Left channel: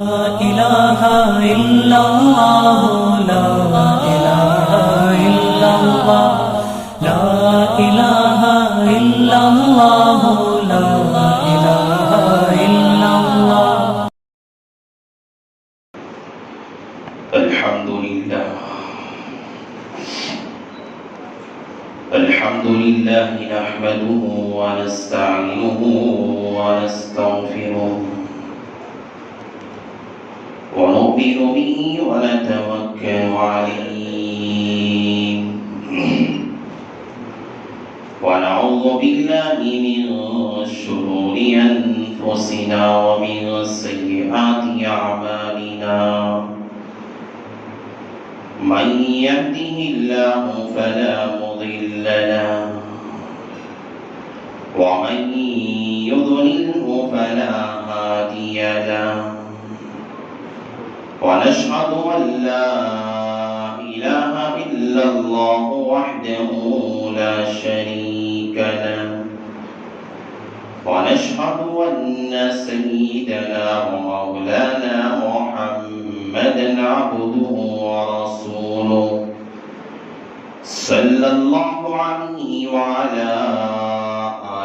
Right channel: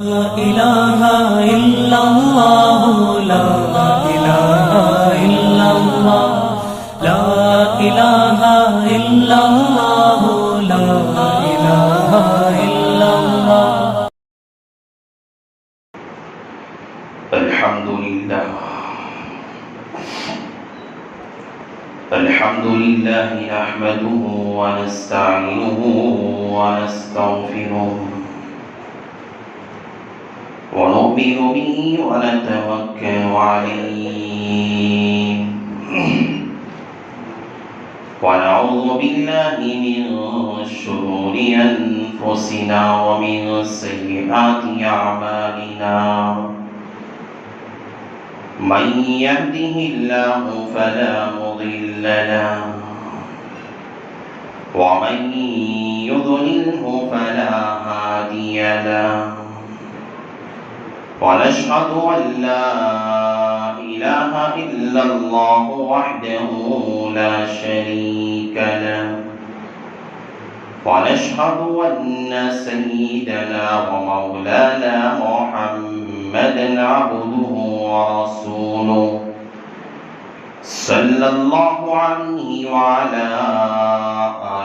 لا إله إلا الله لا إله إلا الله لا إله إلا الله لا إله إلا الله الحمد لله نحمده ونستعينه ونستغفره ونؤمن به ونتوكل عليه ونعوذ بالله من شرور أنفسنا ومن سيئات أعمالنا من يهده الله فلا مضل له ومن يضلله فلا هادي له ونشهد أن لا إله إلا الله وحده لا شريك له ونشهد أن سيدنا ومولانا محمدا عبده ورسوله صلى الله عليه وعلى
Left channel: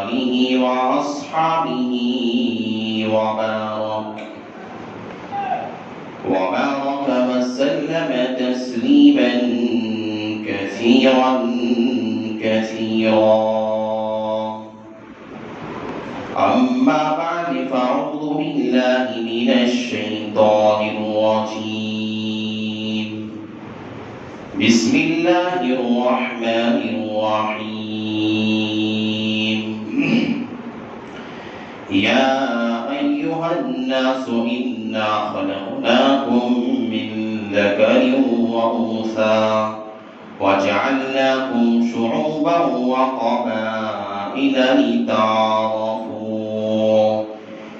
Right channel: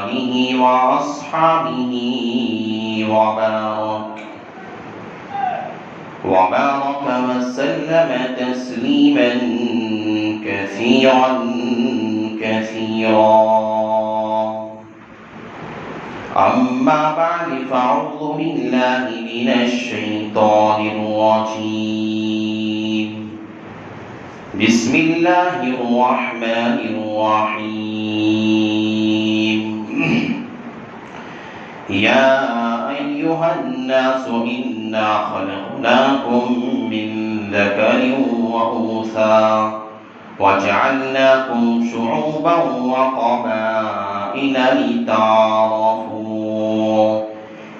آله وأصحابه وبارك وسلم تسليما كثيرا أما بعد فأعوذ بالله من الشيطان الرجيم بسم الله الرحمن الرحيم يا أيها الناس إنا خلقناكم من ذكر وأنثى وجعلناكم شعوبا وقبائل لتعارفوا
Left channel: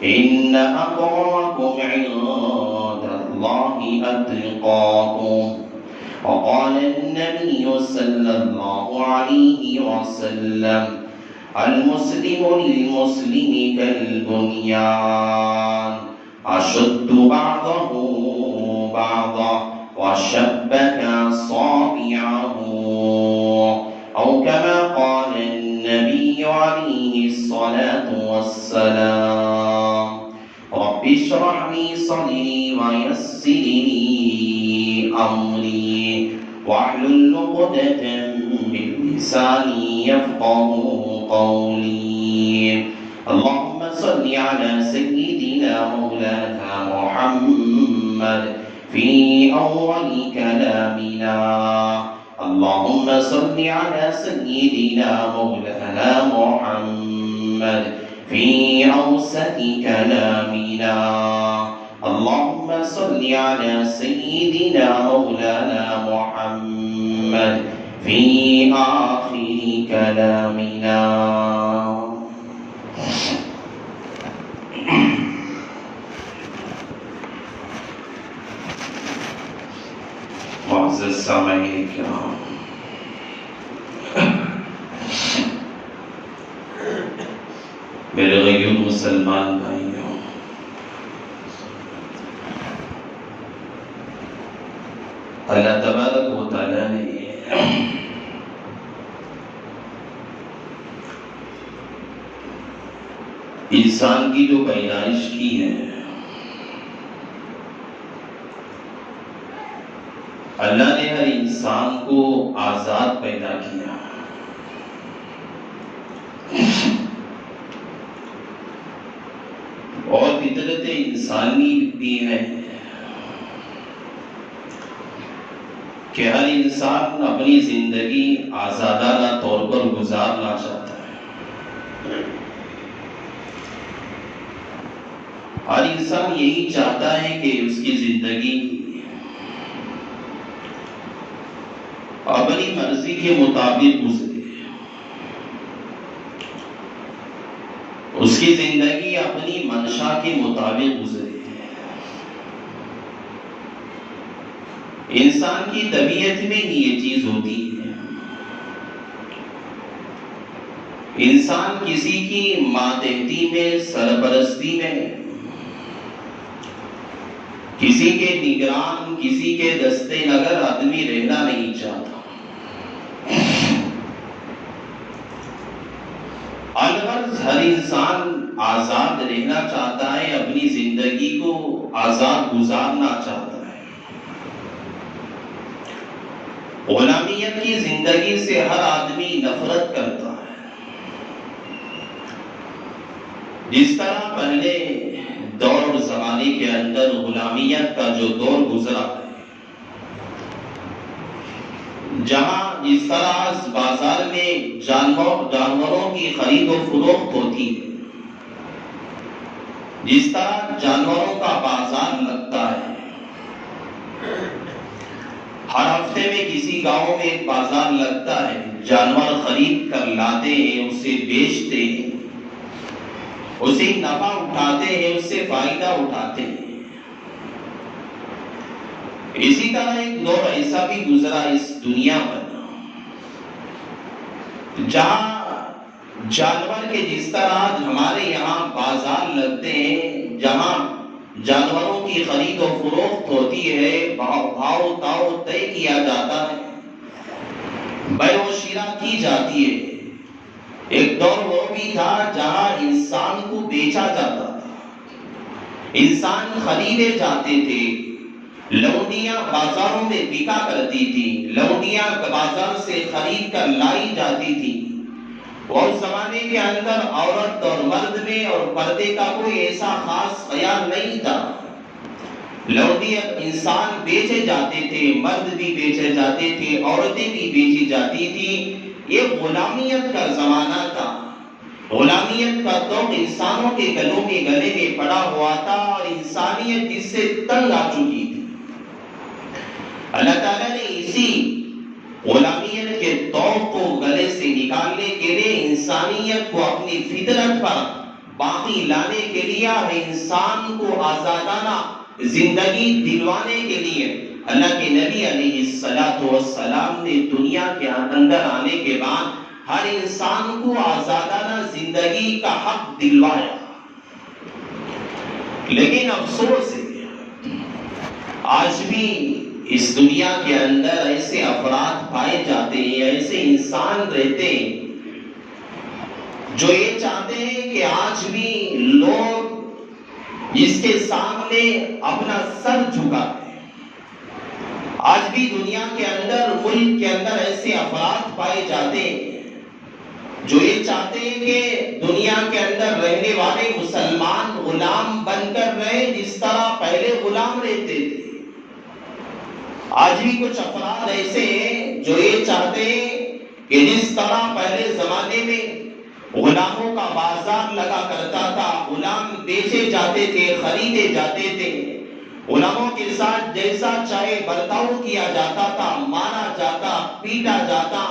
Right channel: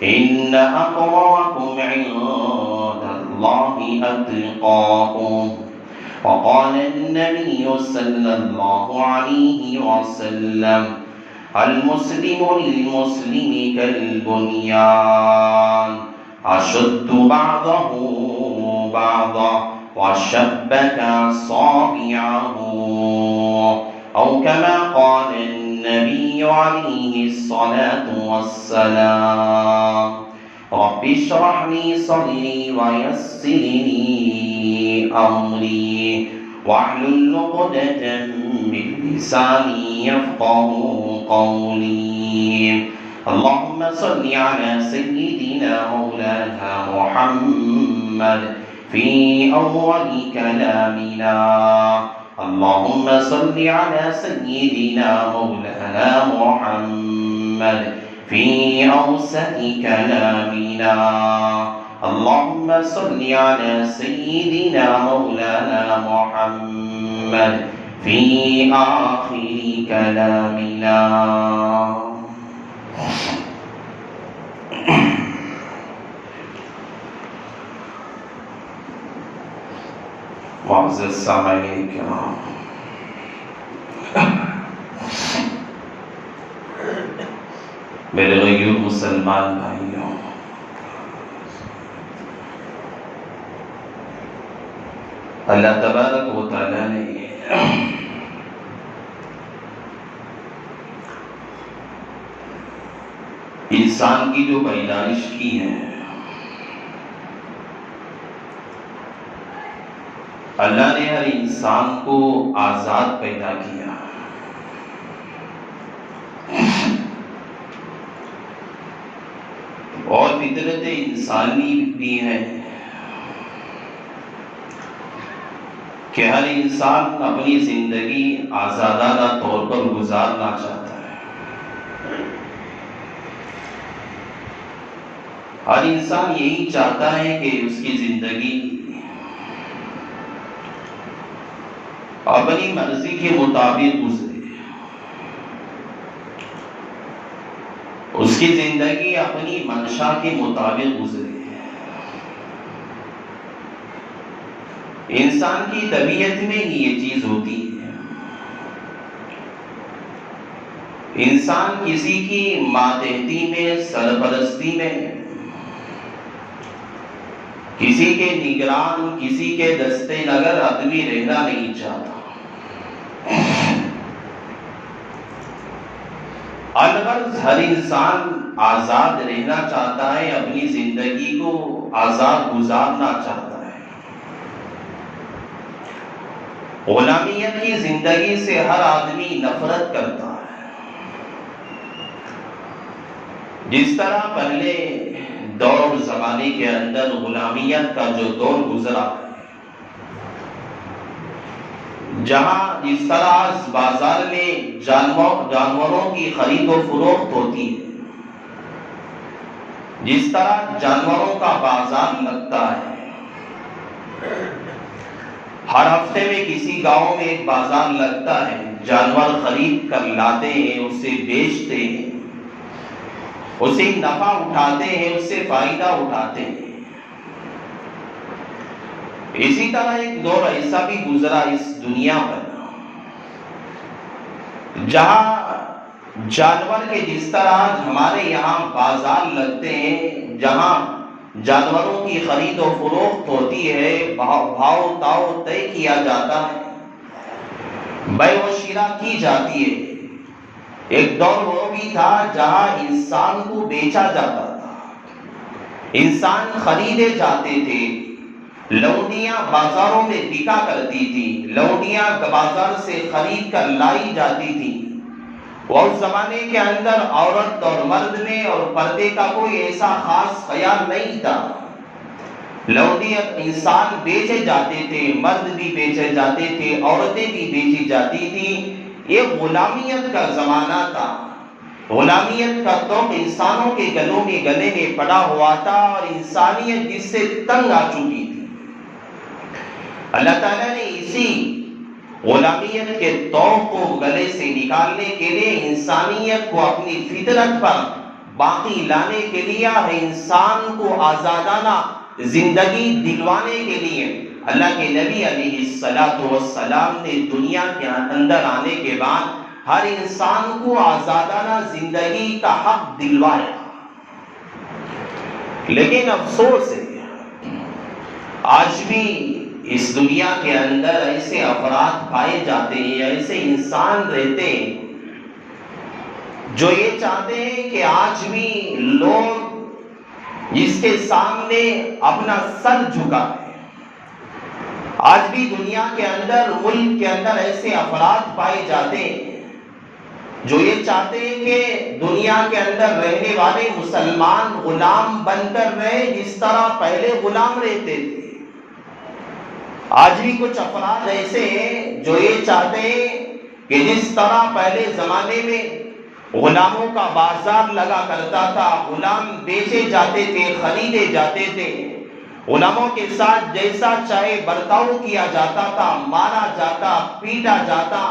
إن أكرمكم عند الله أتقاكم وقال النبي صلى الله عليه وسلم المسلم للمسلم كالبنيان أشد بعضه بعضا وشبك أصابعه أو كما قال النبي عليه الصلاة والسلام رب اشرح لي صدري ويسر لي أمري واحلل عقدة من لساني يفقهوا قولي اللهم صل على سيدنا مولانا محمد في أول كلامنا اللهم صل على سيدنا مولانا محمد في أوسط كلامنا اللهم صل على سيدنا مولانا محمد في آخر كلامنا معزز سامعین کرام میرے غیر مسلمان بھائیوں اللہ تبارک و تعالیٰ نے انسان کی جو پیدائش کی ہے اللہ نے ہر انسان کو آزاد پیدا کیا اور فطرت انسانی بھی ہے کہ ہر انسان اپنی زندگی آزادانہ طور پر گزارنا چاہتا ہے ہر انسان یہی چاہتا ہے کہ اس کی زندگی اپنی مرضی کے مطابق گزرے اس کی زندگی اپنی منشا کے مطابق گزرے انسان کی طبیعت میں یہ چیز ہوتی ہے انسان کسی کی ماتحتی میں سرپرستی میں کسی کے نگران، کسی کے دستے نگر آدمی رہنا نہیں چاہتا۔ الغرض ہر انسان آزاد رہنا چاہتا ہے، اپنی زندگی کو آزاد گزارنا چاہتا ہے۔ غلامیت کی زندگی سے ہر آدمی نفرت کرتا ہے۔ جس طرح پہلے دور زمانے کے اندر غلامیت کا جو دور گزرا ہے، جہاں جس طرح بازار میں جانوروں کی خرید و فروخت ہوتی ہے، جس طرح جانوروں کا بازار لگتا ہے، ہر ہفتے میں کسی گاؤں میں ایک بازار لگتا ہے، جانور خرید کر لاتے ہیں، اسے بیچتے ہیں، اسے نفع اٹھاتے ہیں، اس سے فائدہ اٹھاتے ہیں۔ اسی طرح ایک دور ایسا بھی گزرا اس دنیا پر جہاں جانور کے جس طرح ہمارے یہاں بازار لگتے ہیں، جہاں جانوروں کی خرید و فروخت ہوتی ہے، بھاؤ تاؤ طے کیا جاتا ہے، بیع و شراء کی جاتی ہے۔ ایک دور وہ بھی تھا جہاں انسان کو بیچا جاتا تھا، انسان خریدے جاتے تھے، لونڈیاں بازاروں میں بکا کرتی تھی، لونڈیاں بازار سے خرید کر لائی جاتی تھی۔ اور زمانے کے اندر عورت اور مرد میں اور پردے کا کوئی ایسا خاص خیال نہیں تھا۔ لونڈی انسان بیچے جاتے تھے، مرد بھی بیچے جاتے تھے، عورتیں بھی بیچی جاتی تھی۔ یہ غلامیت کا زمانہ تھا۔ غلامیت کا تو انسانوں کے گلے میں پڑا ہوا تھا اور انسانیت جس سے تنگ آ چکی تھی۔ اللہ تعالیٰ نے اسی غلامیت کے توق کو گلے سے نکالنے کے لیے انسانیت کو اپنی فطرت پر باقی لانے کے لیے، انسان کو آزادانہ زندگی دلوانے کے لیے اللہ کے نبی علیہ السلام نے دنیا کے اندر آنے کے بعد ہر انسان کو آزادانہ زندگی کا حق دلوایا۔ لیکن افسوس ہے آج بھی اس دنیا کے اندر ایسے افراد پائے جاتے ہیں، ایسے انسان رہتے ہیں جو یہ چاہتے ہیں کہ آج بھی لوگ جس کے سامنے اپنا سر جھکاتے ہیں۔ آج بھی دنیا کے اندر، ملک کے اندر ایسے افراد پائے جاتے ہیں جو یہ چاہتے ہیں کہ دنیا کے اندر رہنے والے مسلمان غلام بن کر رہے جس طرح پہلے غلام رہتے تھے۔ آج بھی کچھ افراد ایسے ہیں جو یہ چاہتے ہیں کہ جس طرح پہلے زمانے میں غلاموں کا بازار لگا کرتا تھا، غلام بیچے جاتے تھے، خریدے جاتے تھے، غلاموں کے ساتھ جیسا چاہے برتاؤ کیا جاتا تھا، مارا جاتا، پیٹا جاتا،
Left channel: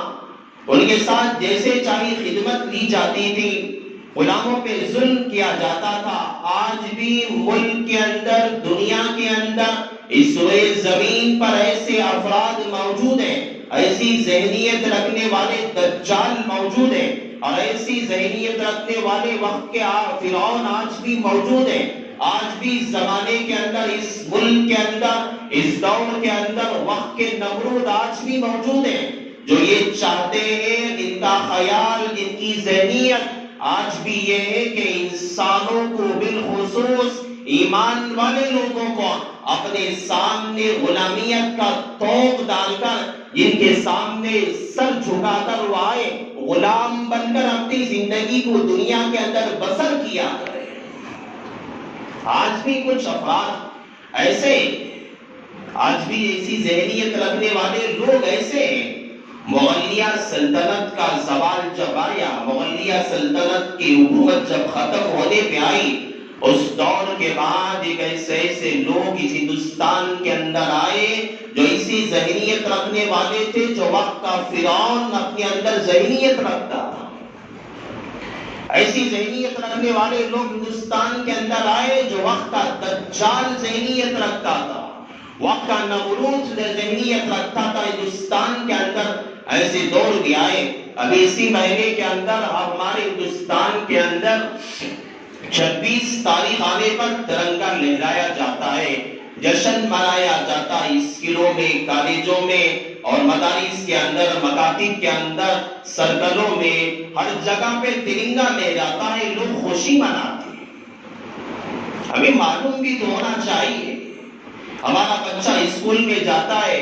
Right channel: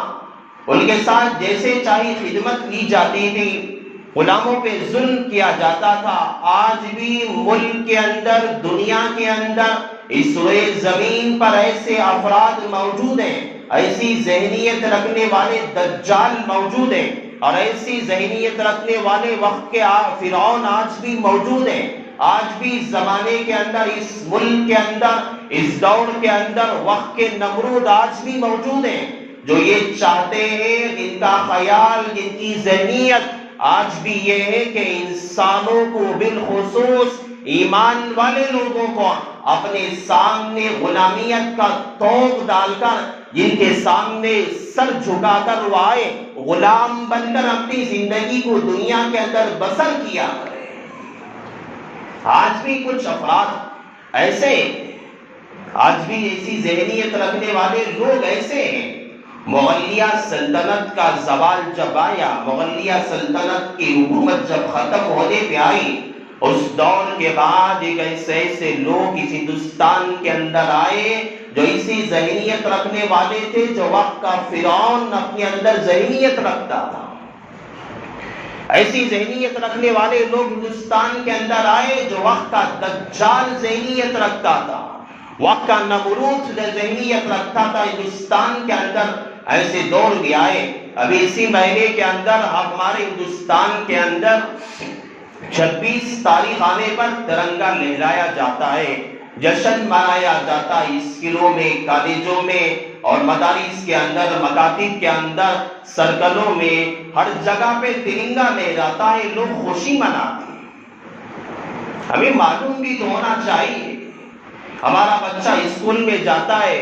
ان کے ساتھ جیسے چاہے خدمت لی جاتی تھی، غلاموں پہ ظلم کیا جاتا تھا۔ آج بھی ملک کے اندر، دنیا کے اندر، اس روئے زمین پر ایسے افراد موجود ہیں، ایسی ذہنیت رکھنے والے دجال موجود ہیں، اور ایسی ذہنیت رکھنے والے وقت کے فرعون آج بھی موجود ہیں۔ آج بھی زمانے کے اندر، اس ملک کے اندر، اس دور کے اندر وقت کے نمرود آج بھی موجود ہیں جو یہ چاہتے ہیں، ان کا خیال، ان کی ذہنیت آج بھی یہ ہے کہ انسانوں کو، بالخصوص ایمان والے لوگوں کو اپنے سامنے غلامیت کا توق ڈال کر، جن کے سامنے سر جھکا کر وہ آئے، غلام بن کر اپنی زندگی کو دنیا کے اندر بسر کیا کرے۔ آج بھی کچھ افراد ایسے، آج بھی ایسی ذہنیت رکھنے والے لوگ ایسے ہیں۔ مغلیہ سلطنت کا زوال جب آیا، مغلیہ سلطنت کی حکومت جب ختم ہونے پہ آئی، اس دور کے بعد ایک ایسے لوگ اس ہندوستان کے اندر آئے جو اسی ذہنیت رکھنے والے تھے جو وقت کا فرعون اپنے اندر ذہنیت رکھتا تھا۔ ایسی ذہنیت رکھنے والے لوگ ہندوستان کے اندر آئے جو وقت کا دجال ذہنیت رکھتا تھا، وقت کا نمرود ذہنیت رکھتا تھا ہندوستان کے اندر۔ ایسے دور بھی آئے۔ ابھی اسی مہینے کے اندر ہمارے ہندوستان کے اندر 26 تاریخ آنے پر ترنگا لہرایا جاتا ہے۔ جشن منایا جاتا ہے اسکولوں میں، کالجوں میں اور مدارس کے اندر، مکاتب کے اندر، سرکلوں میں، ہر جگہ پہ ترنگا لے جاتا ہے، لوگ خوشی مناتے ہیں۔ ہمیں معلوم بھی تو ہونا چاہیے، ہمارا بچہ اسکول میں جاتا ہے،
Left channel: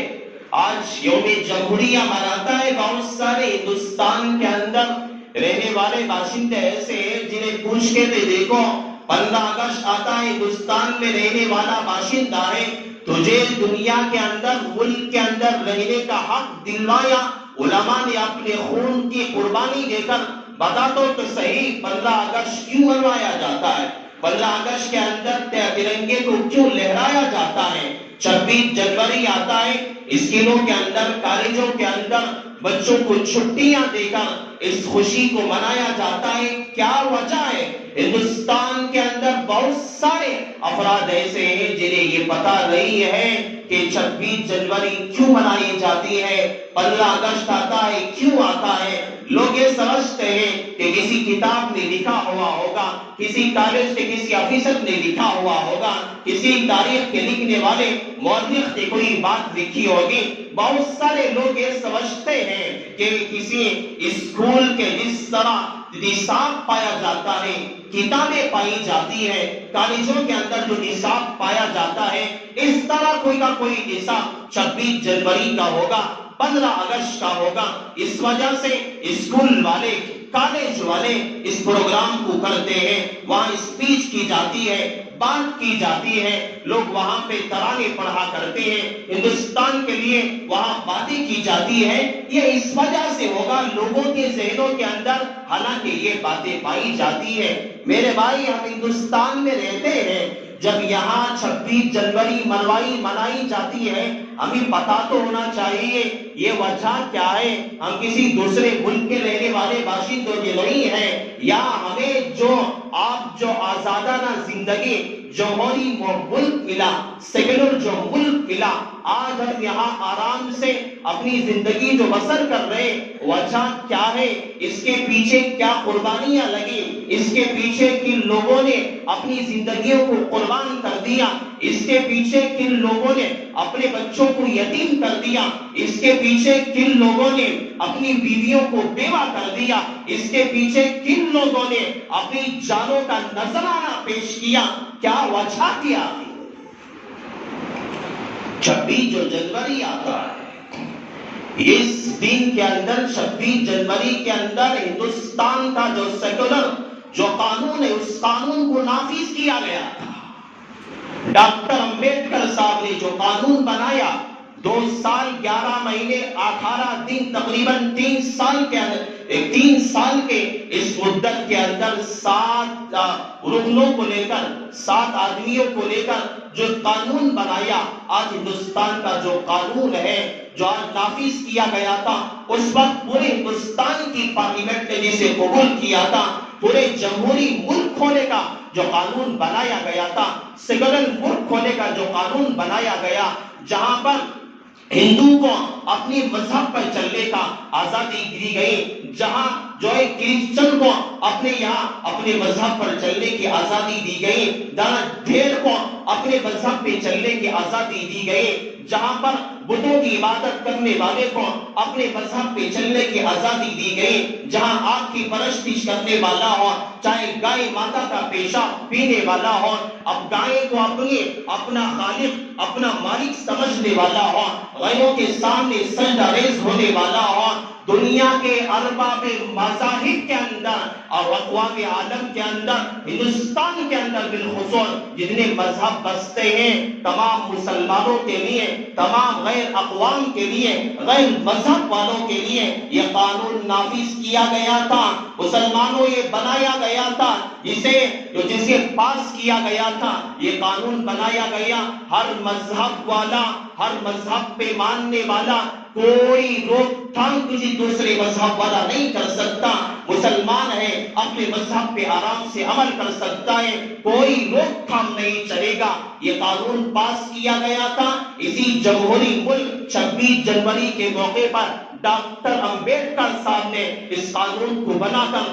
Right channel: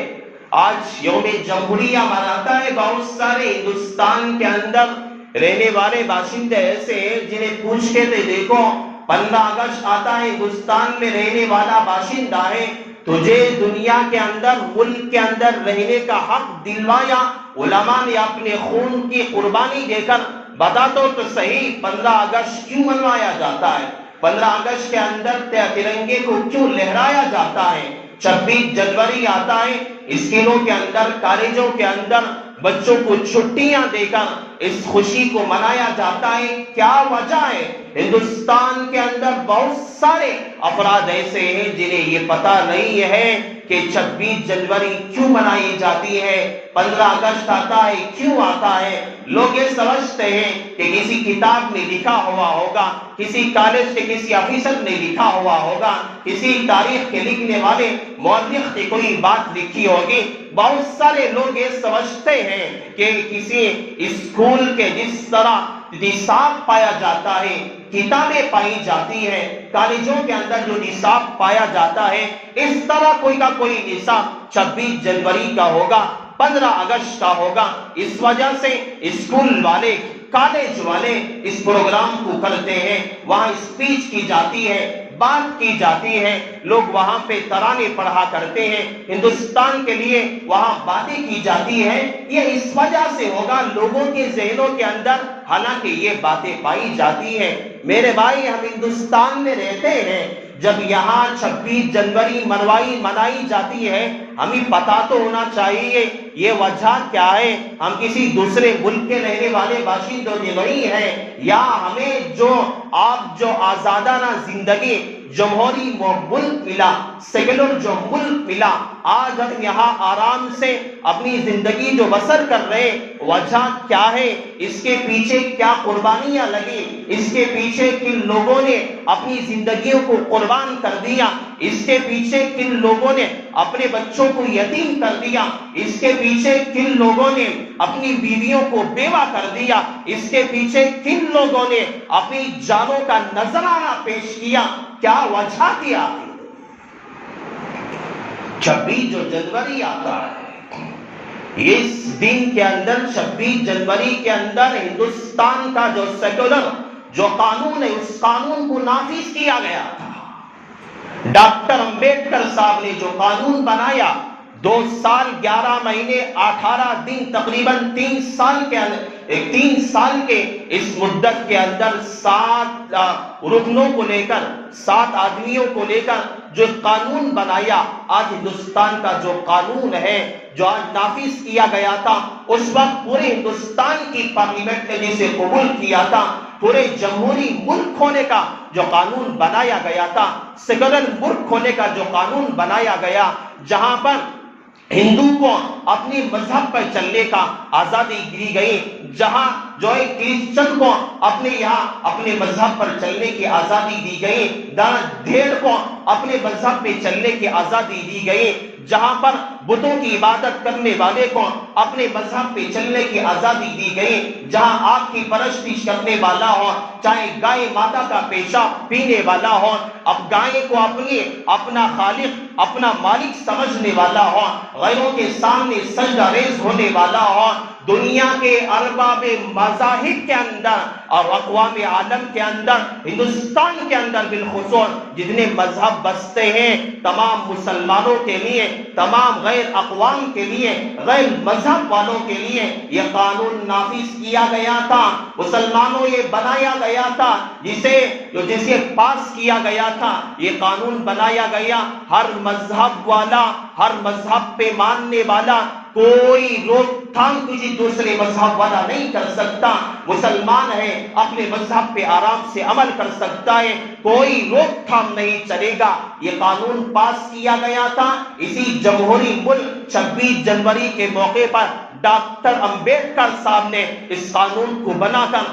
آج یوم جمہوریہ مناتا ہے، بہت سارے ہندوستان کے اندر رہنے والے باشندے ایسے ہیں جنہیں پوچھ کے دیکھو 15 اگست آتا ہے، ہندوستان میں رہنے والا باشندہ ہے، تجھے دنیا کے اندر، ملک کے اندر رہنے کا حق دلوایا علماء نے اپنے خون کی قربانی دے کر، بتا تو صحیح 15 اگست کیوں منوایا جاتا ہے؟ 15 اگست کے اندر ترنگے کو کیوں لہرایا جاتا ہے؟ 26 جنوری آتا ہے، اسکولوں کے اندر، کالجوں کے اندر بچوں کو چھٹیاں دے کر اس خوشی کو منایا جاتا ہے، کیا وجہ ہے؟ ہندوستان کے اندر بہت سارے افراد ایسے ہیں جنہیں یہ پتا نہیں ہے کہ 26 جنوری کیوں منائی جاتی ہے، 15 اگست آتا ہے کیوں آتا ہے۔ لوگ یہ سمجھتے ہیں کہ کسی کتاب میں لکھا ہوا ہوگا، کسی کالج کے کسی آفیسر نے لکھا ہوا ہوگا، کسی تاریخ کے لکھنے والے مورخ نے کوئی بات لکھی ہوگی۔ بہت سارے لوگ یہ سمجھتے ہیں کہ کسی اسکول کے جس طرح نصاب پایا جاتا ہے، کتابیں پائی جاتی ہے، کالجوں کے اندر جو نصاب پایا جاتا ہے، اس طرح کوئی کا کوئی نصاب 26 جنوری کا ہوگا، 15 اگست کا ہوگا۔ اس وجہ سے اسکول والے، کالج والے اس پروگرام کو کرتے ہیں، وہاں اسپیچ کی جاتی ہے، بات کی جاتی ہے، لوگ وہاں پہ ترانے پڑھا کرتے ہیں، ہندوستان کے لیے وہاں باتیں کی جاتی ہے۔ یہ اس وجہ سے ہوگا لوگوں کے ذہنوں کے اندر، حالانکہ یہ باتیں پائی جاتی ہے۔ میرے بھائی، ہم ہندوستان میں رہتے ہیں، جب یہاں 26 جنوری منائی جاتی ہے، ہمیں پتا تو ہونا چاہیے یہ وجہ کیا ہے۔ ہم کسی دوسرے ملک کے رہنے والے باشندوں کے نہیں ہیں، یا ہمیں جو آزادانہ زندگی، جمہوری ملک ملا، سیکولر جو ملک ملا، آج ہم یہاں آرام سے اپنی زندگی جو بسر کر رہے، وجہ کیا ہے؟ اس کے پیچھے کیا قربانیاں لگی؟ اس کے پیچھے کن لوگوں نے اپنی زندگیوں کو قربان کر دیا؟ اس کے پیچھے کن لوگوں نے اپنے بچوں کو یتیم کر دیا؟ اس کے پیچھے کن لوگوں نے اپنی بیویوں کو بیوہ کر دیا؟ اس کے پیچھے کن لوگوں نے اپنی جانوں کا نذرانہ پیش کیا؟ کیا وجہ کیا؟ 26 جو جنوری آتا ہے، اس دن کے اندر، 26 جنوری کے اندر ہندوستان کا جو سیکولر جو قانون ہے، اس قانون کو نافذ کیا گیا تھا۔ ڈاکٹر امبیڈکر صاحب نے جو قانون بنایا، 2 سال 11 مہینے 18 دن، تقریباً 3 سال کے اس مدت کے اندر 7 رکنوں کو لے کر، 7 آدمیوں کو لے کر جو قانون بنایا، آج ہندوستان کا جو قانون ہے، جو آج نافذ کیا گیا تھا، اس وقت پورے ہندوستان کی پارلیمنٹ نے جسے قبول کیا تھا، پورے جمہوری ملک ہونے کا جو قانون بنایا گیا تھا، سیکولر ملک ہونے کا جو قانون بنایا گیا، جہاں پر ہندو کو اپنی مذہب پر چلنے کا آزادی دی گئی، جہاں جو ہے کرسچن کو اپنے مذہب پر چلنے کی آزادی دی گئی، دھیر کو اپنے مذہب پہ چلنے کی آزادی دی گئی، جہاں پر بتوں کی عبادت کرنے والے کو اپنے مذہب پہ چلنے کی آزادی دی گئی، جہاں آگ کی پرستش کرنے والا ہو، چاہے گائے ماتا کا پیشاب پینے والا ہو، اب گائے کو اپنا خالق، اپنا مالک سمجھنے والا ہو، غیروں کے سامنے سجدہ ریز ہونے والا ہو، دنیا کے ارباب مذاہب کے اندر اور اقوام عالم کے اندر، ہندوستان کے اندر بالخصوص جتنے مذہب بستے ہیں، تمام مسلمانوں کے لیے، تمام غیر اقوام کے لیے، غیر مذہب والوں کے لیے یہ قانون نافذ کیا گیا تھا، مسلمانوں یہ بنایا گیا تھا، جسے پاس کیا گیا تھا، یہ قانون بنایا گیا، ہر مذہب والا، ہر مذہب پہ ماننے والا، کوئی روک تھام کسی دوسرے مذہب والا نہیں کر سکتا، مسلمان ہے اپنے مذہب پہ آرام سے عمل کر سکتا ہے، کوئی روک تھام نہیں چلے گا۔ یہ قانون پاس کیا گیا تھا، اسی جمہوری ملک 26 جنوری کے موقع پر ڈاکٹر امبیڈکر صاحب نے اس قانون کو بنا کر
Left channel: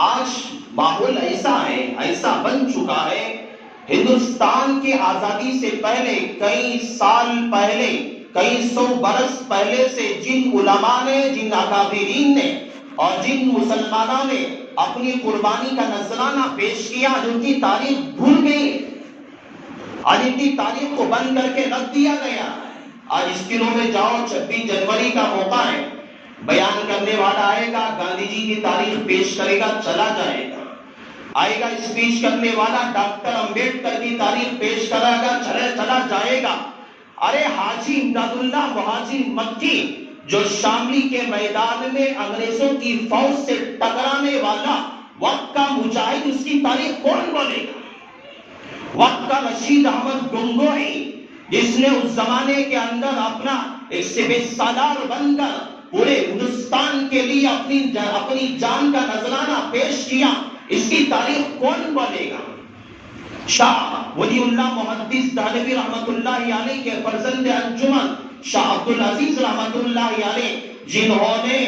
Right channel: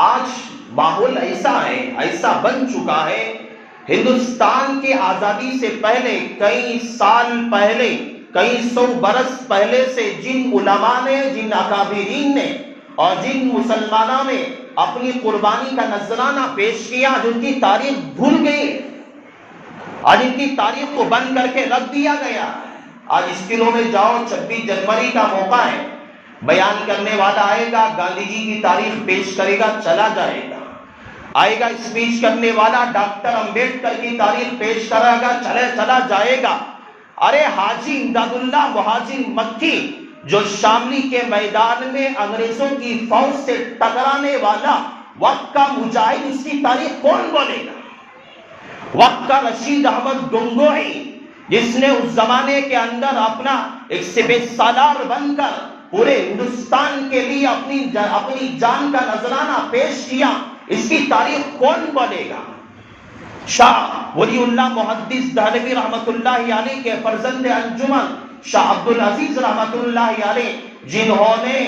آج ماحول ایسا ہے، ایسا بن چکا ہے، ہندوستان کے آزادی سے پہلے کئی سال پہلے، کئی سو برس پہلے سے جن علماء نے، جن اکابرین نے اور جن مسلمانوں نے اپنی قربانی کا نذرانہ پیش کیا، جن کی تاریخ بھول گئی اور ان کی تاریخ کو بند کر کے رکھ دیا گیا۔ آج اس دنوں میں جاؤ، 26 جنوری کا موقع ہے، بیان کرنے والا آئے گا، گاندھی جی کی تاریخ پیش کرے گا، چلا جائے گا۔ آئے گا اسپیچ کرنے والا، ڈاکٹر امبیڈکر کی تاریخ پیش کرے گا، چلا جائے گا۔ ارے حاجی امداد اللہ مہاجر مکی جو شاملی کے میدان میں انگریزوں کی فوج سے ٹکرانے والا وقت کا مجاہد، اس کی تاریخ کون بولے گا؟ وقت کا رشید احمد گنگوہی جس نے اس زمانے کے اندر اپنا ایک سپہ سالار بن کر پورے ہندوستان کے لیے اپنی جان کا نذرانہ پیش کیا، اس کی تاریخ کون بولے گا؟ شاہ ولی اللہ محدث دہلوی رحمت اللہ علیہ کے فرزند انجمن شاہ عبدالعزیز رحمت اللہ علیہ، جنہوں نے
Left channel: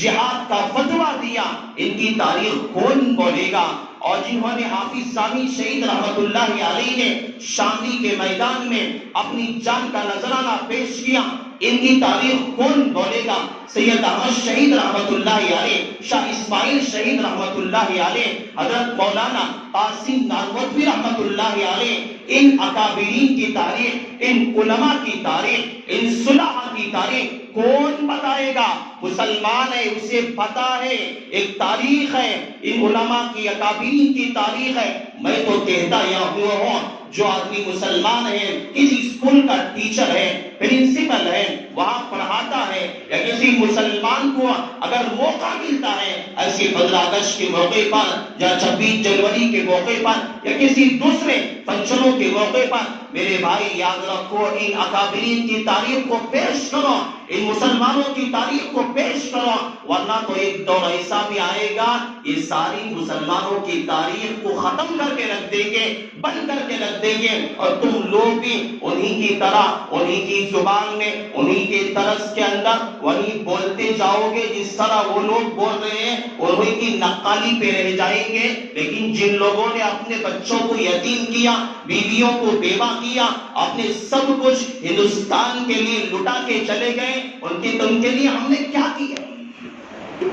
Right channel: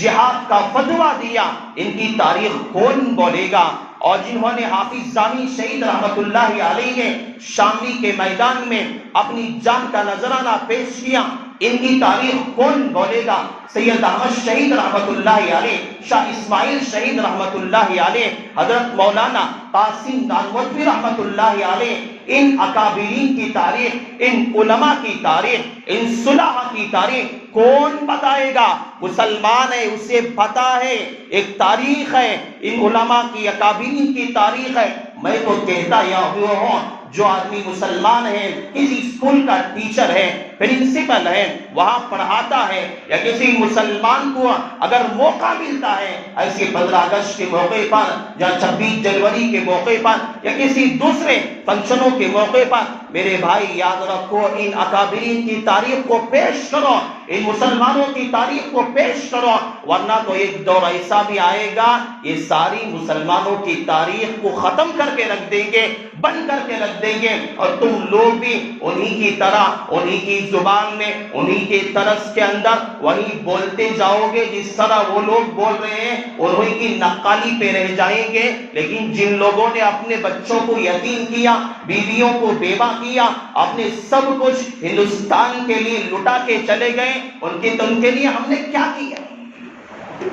جہاد کا فتویٰ دیا، ان کی تاریخ کون بولے گا؟ اور جنہوں نے حافظ ثانی شہید رحمت اللہ علیہ نے شاملی کے میدان میں اپنی جان کا نذرانہ پیش کیا، ان کی تاریخ کون بولے گا؟ سید احمد شہید رحمت اللہ علیہ، شاہ اسماعیل شہید رحمت اللہ علیہ، حضرت مولانا قاسم نانوتوی رحمت اللہ علیہ، ان اکابرین کی تاریخ، ان علماء کی تاریخ، ان صلحاء کی تاریخ کون بتائے گا؟ مسلمان ہے، اسے پتہ ہے، ایک تاریخ ہے، ان علماء کی اکابرین کی تاریخ ہے۔ میں تو کہتا یا ہوا ہوں، جو آدمی مسلمان ہے، کسی اسکول کا ٹیچر ہے، پرنسپل ہے، وہاں پڑھاتا ہے، یا کسی مسلمان کو اگر موقع ملتا ہے ایسے 15 اگست کے موقع پر یا 26 جنوری کے موقع پر یا کسی دوسرے فنکشنوں کے موقع پر، میرے بھائی یاد رکھو، ان اکابرین کی تاریخ کو پیش کرو، ان مسلمانوں کی تاریخ کو پیش کرو، ورنہ تو ایک دور ایسا بھی آئے گا، یہ ساری مسلمانوں کی تاریخ کو ختم کر کے رکھ دیں گے، بند کر کے رکھ دیں گے، اور تم لوگ بھی انہی کی طرح، انہی کی زبان میں، انہی کے طرز کے اندر وہی بولتے جاؤ گے جس طرح وہ لوگ بول رہے ہیں، اور انہی کی نقالی پہ رہ جائیں گے۔ لیکن جن لوگوں نے اپنے بچوں کو یتیم کیا، بیویوں کو بیوہ کیا، اپنے سب کچھ ہندوستان کے لیے لٹا کے چلے گئے، ان کے لیے ہم نے کیا کیا؟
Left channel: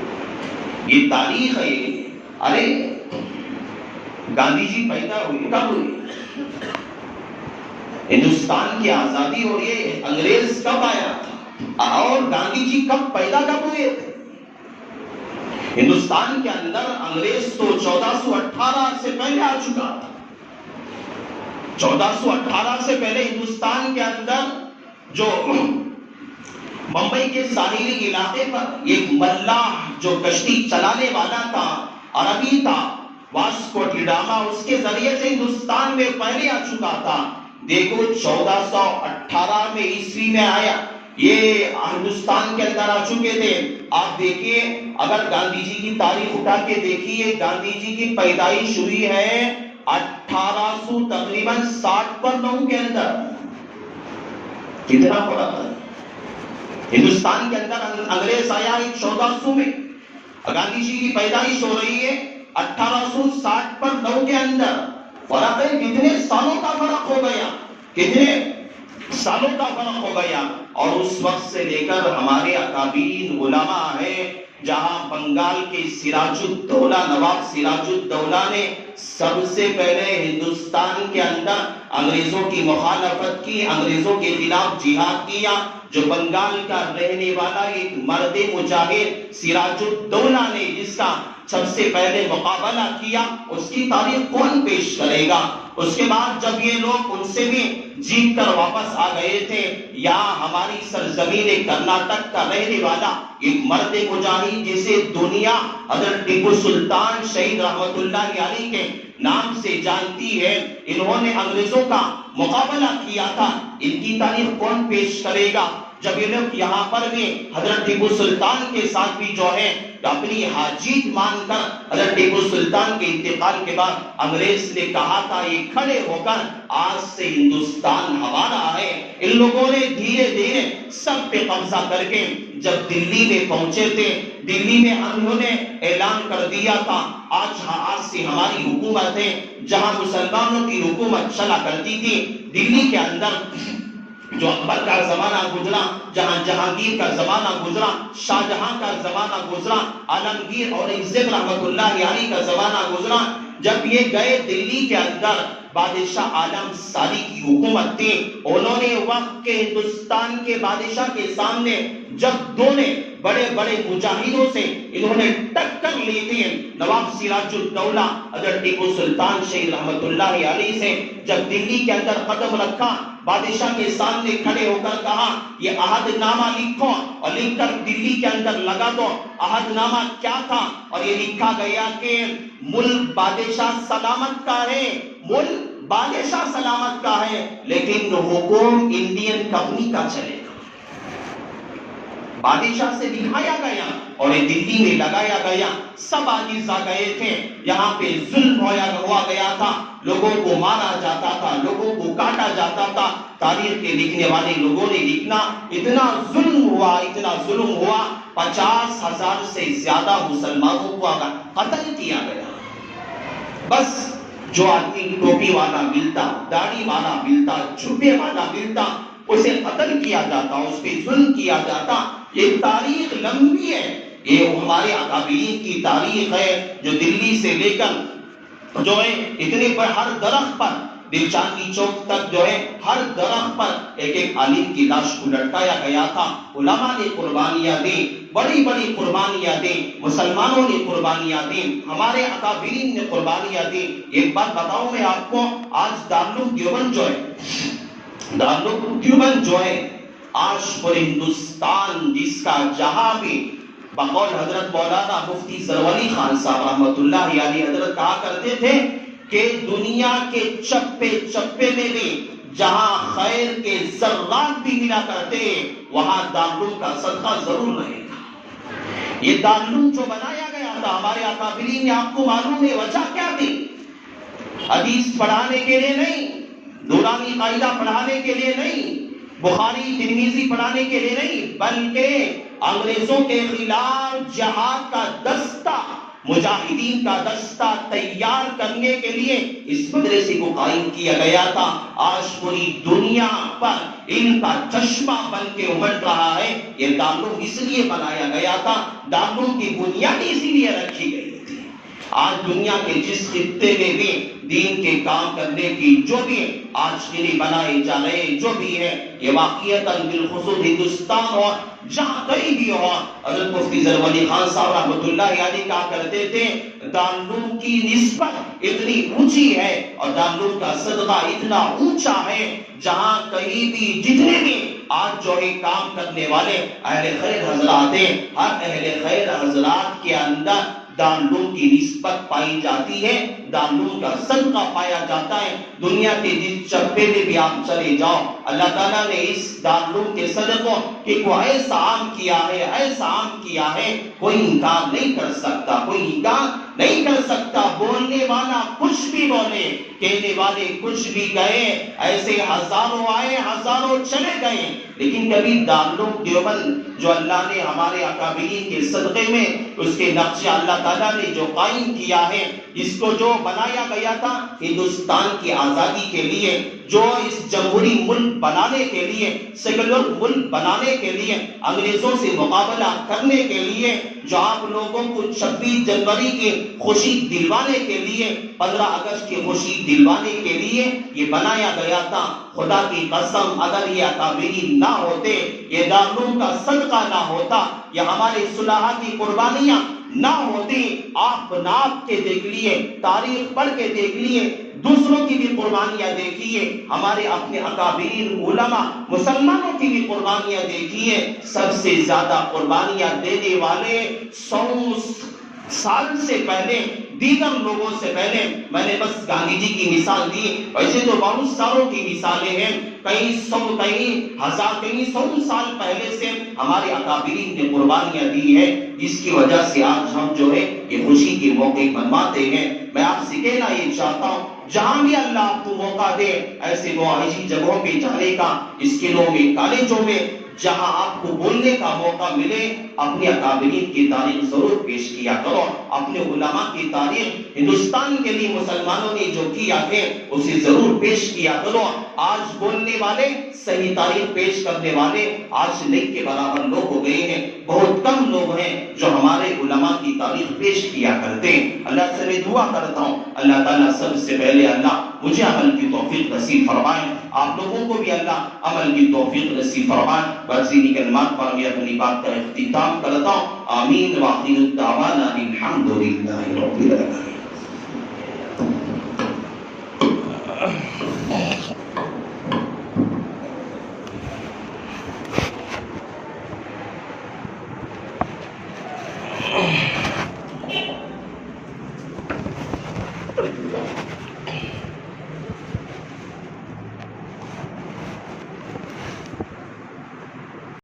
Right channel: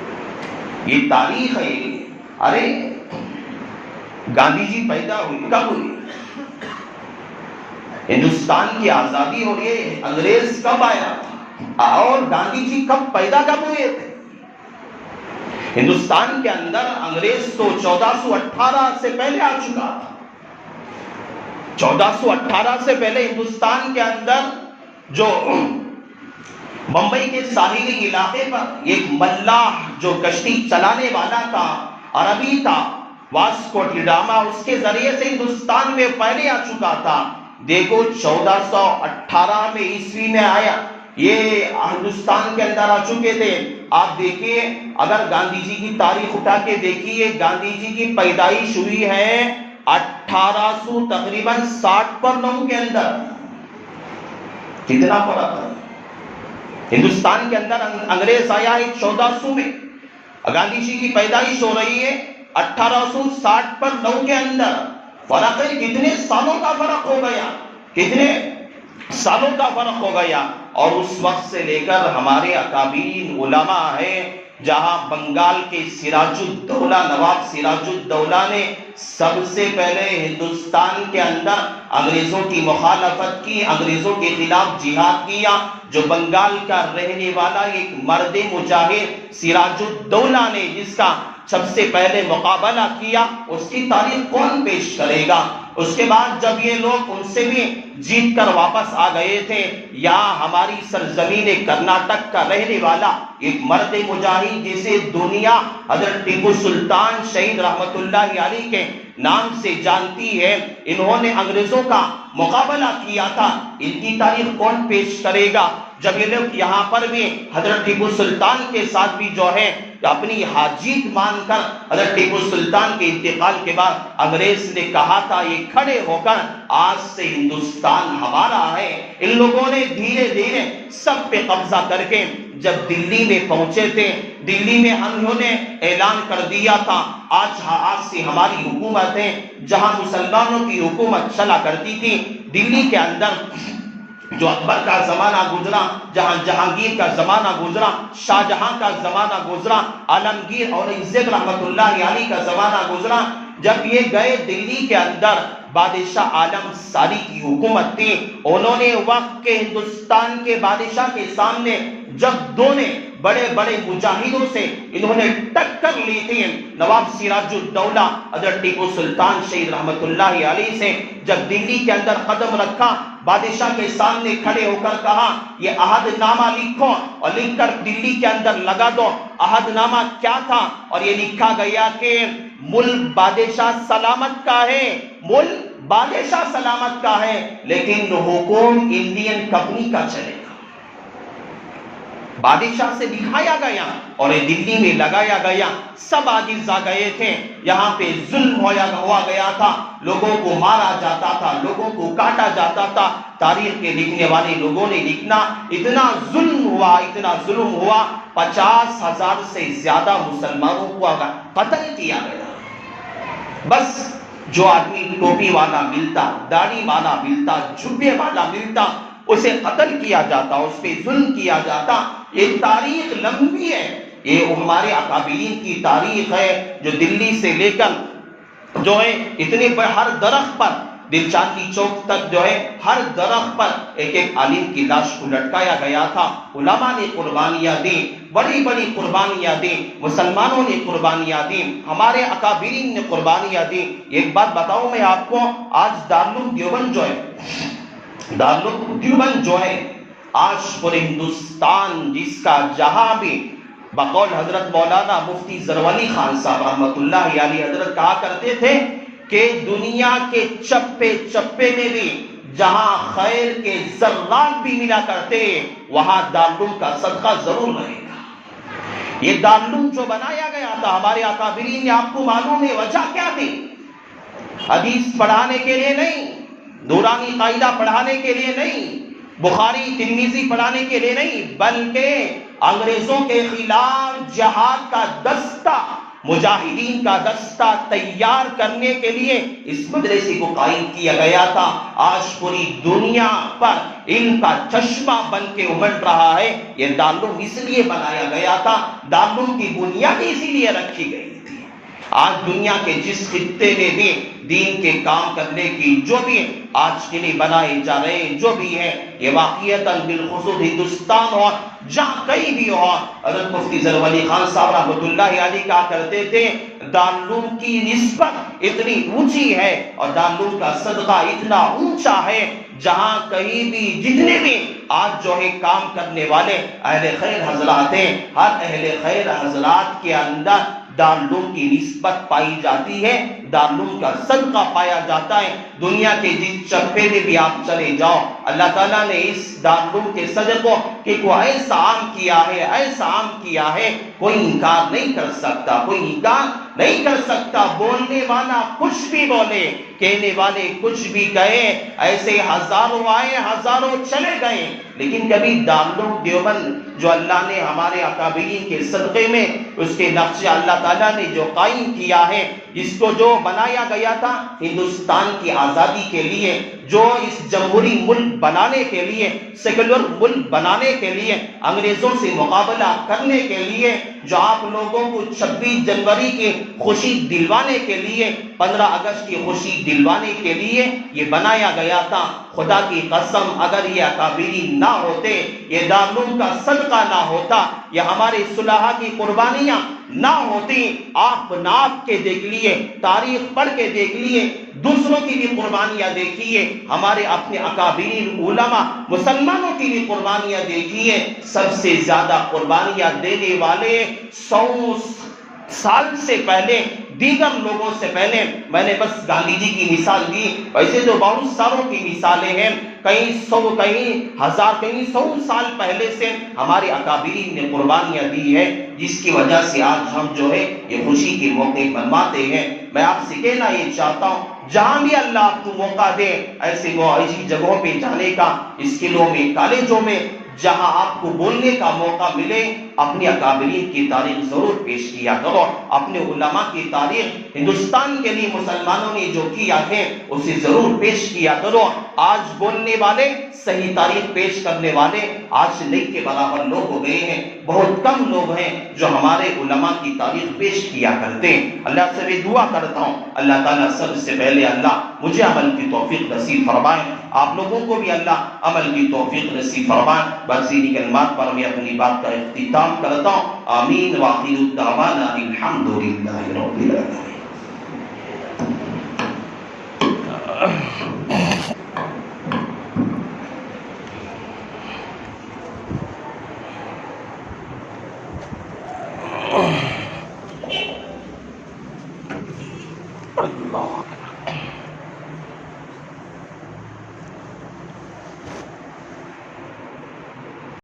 یہ تاریخ ہے۔ ارے گاندھی جی پیدا ہوئے کب ہوئے؟ ہندوستان کی آزادی ہو رہی ہے، انگریز کب آیا تھا اور گاندھی جی کب پیدا کب ہوئے تھے؟ ہندوستان کے اندر انگریز تو 1418 سے پہلے آ چکا تھا۔ 1418 سے پہلے ہندوستان کے اندر جو ممبئی کے ساحلی علاقے پر ایک ملاح جو کشتی چلانے والا تھا، عربی تھا، واسکو ڈی گاما، اس کے ذریعے سے ہندوستان میں پہلے آ چکا تھا۔ دیکھو 1418 میں عیسوی میں آیا، یہ ہندوستان کے اندر آ چکے تھے۔ آپ دیکھیے، اگر گاندھی جی کی تاریخ اٹھا کے دیکھیے، گاندھی جی کی پیدائش ہوئی ہے 1800 تقریباً 60 کے اندر۔ کتنا پڑا تھا؟ ہندوستان کے اندر انگریز آیا ہے 1400 میں، گاندھی جی کی پیدائش ہو رہی ہے 1860 کے اندر۔ فرق ہے، کتنے سالوں کا فرق ہو گیا، کتنے سالوں کا فرق ہو گیا۔ اور اس وقت سے لے کر ہمارے اکابرین علماء ہیں، جہاں بنگال کے سراج الدولہ، نواب سراج الدولہ نے سب سے پہلے ہندوستان کے اندر انگریزوں کی مخالفت کی، انگریزوں کے خلاف جہاد کیا۔ جو بنگال کا رہنے والا ایک مرد مجاہد سراج الدولہ نے جس کا سب سے پہلے مقابلہ کیا، اس کی تاریخ کون پیش کرے گا؟ اس کے بعد جب یہ لوگ ان سے بھی جیت کر واپس آ گئے تھے، یہاں ہماری سرزمین کرناٹک کا رہنے والا ایک مرد مجاہد جسے دنیا حضرت ٹیپو سلطان شہید رحمت اللہ علیہ کے نام سے جانتی ہے، انہوں نے انگریزوں کا مقابلہ کیا تھا، ان کی تاریخ کون پیش کرے گا؟ جب یہ لوگ یہاں پر بھی حضرت ٹیپو سلطان کے ساتھ بھی جو ہے اپنی حاجیت مان کر، حضرت ٹیپو سلطان کے انتقال کے بعد انگریز نے کہا تھا یہ کھڑے ہو کر آج سے ہندوستان ہمارا ہے، ان لوگوں نے دھیرے دھیرے سب پہ قبضہ کر کے جب دلی میں پہنچے تھے دلی میں انہوں نے اعلان کر دیا تھا آج سے ہماری حکومت ہے، جہاں مسلمانوں کی حکومت چلا کرتی تھی دلی کے اندر جو اکبر کا زمانہ گزرا، جہاں جہانگیر کا زمانہ گزرا، شاہجہاں کا زمانہ گزرا، عالمگیر اور عزت رحمت اللہ علیہ کا زمانہ گزرا، جب یہ گئے دلی کے اندر بادشاہ عالم ساری کی حکومت تھی، انہوں نے وقت کے ہندوستان کے بادشاہ کے سامنے جب دونوں بڑے بڑے مجاہدوں سے انہوں نے ٹکر لی تھی، نواب سراج الدولہ حضرت ٹیپو سلطان شہید رحمت اللہ علیہ سے جب دلی کے اندر قدم رکھا، بادشاہ کے سامنے کھڑے ہو کر کہا یہ عہد نامہ لکھو اور لکھ کر دلی کے اندر لگا دو۔ عہد نامہ کیا تھا؟ اور یہ لکھا گیا کہ ملک بادشاہ سلامت کا ہے، ملک بادشاہ سلامت کا ہے، لیکن حکم انڈین کمپنی کا چلے گا۔ بادشاہ سے دکھایا گیا اور دلی میں لگایا گیا، سب آگے گئے تھے، یہاں پہ ظلم ہوا گیا تھا، لوگوں کو مارا جاتا تھا، لوگوں کو کاٹا جاتا تھا۔ تاریخ کے لکھنے والے لوگوں نے لکھنا اتنا ظلم ہوا 50,000 سے زیادہ مسلمانوں کو قتل کیا گیا۔ بس جو آدمی ٹوپی والا ملتا، داڑھی والا ملتا، جھبے والا ملتا، اسے قتل کیا جاتا، اس پہ ظلم کیا جاتا۔ یہ تاریخ لمبی ہے، یہ ہمارے اکابرین کی تاریخ ہے، جو دلی سے لے کر جو ہے اتنے بڑے ہر درخت پر، دل چاندنی چوک تک جو ہے ہر درخت پر ایک ایک عالم کی لاش کو لٹکایا گیا تھا۔ علماء نے قربانیاں دی، بڑی بڑی قربانیاں دی، مسلمانوں نے قربانیاں دی، ہمارے اکابرین نے قربانیاں دی۔ ایک بات بتاؤں میں آپ کو، آج دارالعلوم دیوبند جو ہے، دارالعلوم دیوبند جو ہے آج پورے ہندوستان جس کا جہاں بھی بقول حضرت مولانا مفتی زرولی خان صاحب رحمت اللہ علیہ حضرت کہا کرتے تھے کہ دنیا کے چپے چپے میں بھی جہاں خیر کے ذرات بھی ملا کرتے وہاں دارالعلوم کا صدقہ ضرور رہے گا۔ یہ دارالعلوم جو بنایا گیا تھا ہمارے اکابرین نے، آپ کو معلوم ہے وجہ کیا تھی؟ حدیث پڑھانے کے لیے نہیں، دورانی قاعدہ پڑھانے کے لیے نہیں، بخاری ترمذی پڑھانے کے لیے نہیں، بلکہ انگریزوں کے خلاف جہاد کا دستہ، مجاہدین کا دستہ تیار کرنے کے لیے اس مدرسے کو قائم کیا گیا تھا۔ آج پوری دنیا پر ان کا چشمہ بن کے امڑ رہا ہے۔ یہ دارالعلوم اس لیے بنایا گیا تھا، دارالعلوم کی بنیاد اسی لیے رکھی گئی تھی۔ آج دنیا کے جس خطے میں بھی دین کے کام کرنے کی جو بھی آج کے لیے بنائے جا رہے ہیں جو بھی ہے، یہ واقعیتاً بالخصوص ہندوستان ہو جہاں کہیں بھی ہو، حضرت مفتی زرولی خان صاحب رحمۃ اللہ علیہ کہا کرتے تھے دارالعلوم کی نسبت اتنی اونچی ہے اور دارالعلوم کا صدقہ اتنا اونچا ہے، جہاں کہیں بھی جتنے بھی آج جو ہے کام کرنے والے اہل خیر حضرات ہیں، ہر اہل خیر حضرات کے اندر دارالعلوم کی نسبت پائی جاتی ہے، دارالعلوم کا صدقہ پایا جاتا ہے۔ دنیا کے جس چپے میں بھی آپ چلے جاؤ، اللہ تعالیٰ نے اس دارالعلوم کے صدقوں کو ایسا عام کیا ہے، ایسا عام کیا ہے، کوئی انکار نہیں کر سکتا، کوئی انکار نہیں کر سکتا۔ بولنے والا کچھ بھی بولے، کہنے والے کچھ بھی کہے، ایسے ہزاروں آئے ہزاروں چلے گئے، لیکن کبھی دارالعلوم دیوبند جو اللہ نے ہمارے اکابرین کے صدقے میں اس کے نقشے اللہ تعالیٰ نے جو قائم کیا ہے، جس کو جو بنایا گیا تھا ہندوستان کی آزادی کے لیے، جو اس جمہوری ملک بنانے کے لیے، سیکولر ملک بنانے کے لیے، انگریزوں سے مقابلہ کرنے کے لیے، جو آپ لوگوں کو 26 جنوری کی خوشی دلوانے کے لیے، 15 اگست کی خوشی دلوانے کے لیے یہ بنایا گیا تھا۔ خدا کی قسم اگر یہ اکابرین نہ ہوتے، یہ دارالعلوم کا صدقہ نہ ہوتا، یہ ہمارے صلحاء کی قربانیاں نہ ہوتی، آپ ناپ کے دیکھ لیے، تاریخ پڑھ کے دیکھ لیے، دوسروں کی بھی قربانیاں دیکھیے، ہمارے اپنے اکابرین علماء مسلمانوں کی بھی قربانیاں دیکھیے، سب سے زیادہ قربانیاں دینے والے 100 سال سے پہلے دیگر لوگوں سے پہلے، میں نے بس گاندھی جی کی مثال دی، ویسے تو بہت ساروں کی مثالیں ہیں، کئی 100 کئی 1000 کئی 100 سال پہلے سے ہمارے اکابرین نے قربانیاں دی ہے، جس کی وجہ سے آج ہم جو ہے یہ خوشی کے موقع منواتے ہیں۔ میں آپ سے کہنا یہ چاہتا ہوں، جہاں بھی اللہ آپ کو موقع دے ایسی جگہوں پہ جانے کا، اسکولوں میں کالجوں میں جہاں آپ کو بولنے کا موقع ملے اپنے اکابرین کی تاریخ ضرور پیش کیا کرو. اپنے علماء کی تاریخ ہندوستان کے لیے مسلمانوں نے جو کیا ہے اسے ضرور پیش کیا کرو. آج بولنے والے صحیح تاریخ پیش کرنے والے آج نہیں کے برابر لوگ ہو گئے ہیں. بہت کم لوگ ہیں جو ہمارے علماء کی تاریخ پیش کیا کرتے ہیں. اللہ سے میں دعا کرتا ہوں اللہ تعالیٰ سب سے پہلے اللہ مجھے عمل کی توفیق نصیب فرمائے, آپ لوگوں کو بھی اللہ عمل کی توفیق نصیب فرمائے. بس انہی کلمات پر میں اپنی بات کا اختتام کرتا ہوں. آمین. وآخر دعوانا الحمد للہ رب العالمین.